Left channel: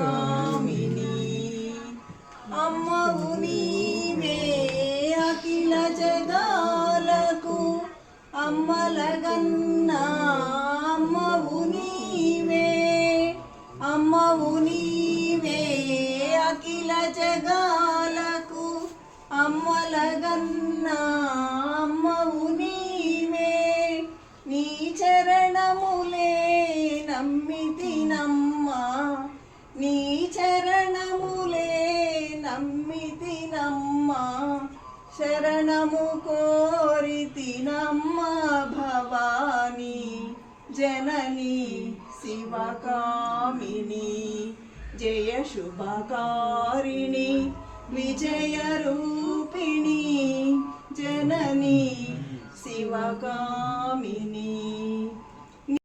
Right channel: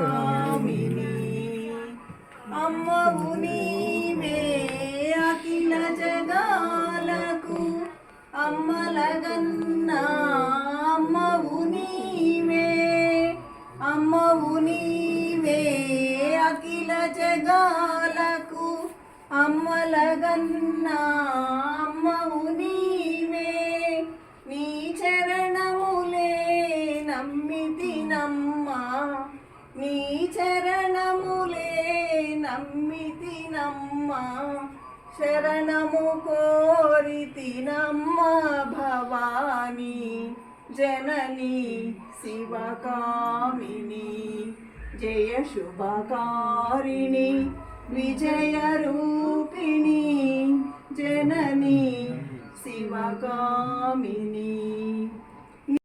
శివకామిని అమ్మవు నీవే అఖిల జగాలకు అమ్మలగన్నా అమ్మవు నీవే అమ్మవు నీవే అఖిల జగాలకు అమ్మలగన్నా అమ్మవు నీవే నీ చరణములే నమ్మితినమ్మా నీ చరణములే నమ్మితినమ్మా శరణము కోరితినమ్మా భవాని జనని శివకామిని జయ శుభకారిణి విజయ రూపిణి జనని శివకామిని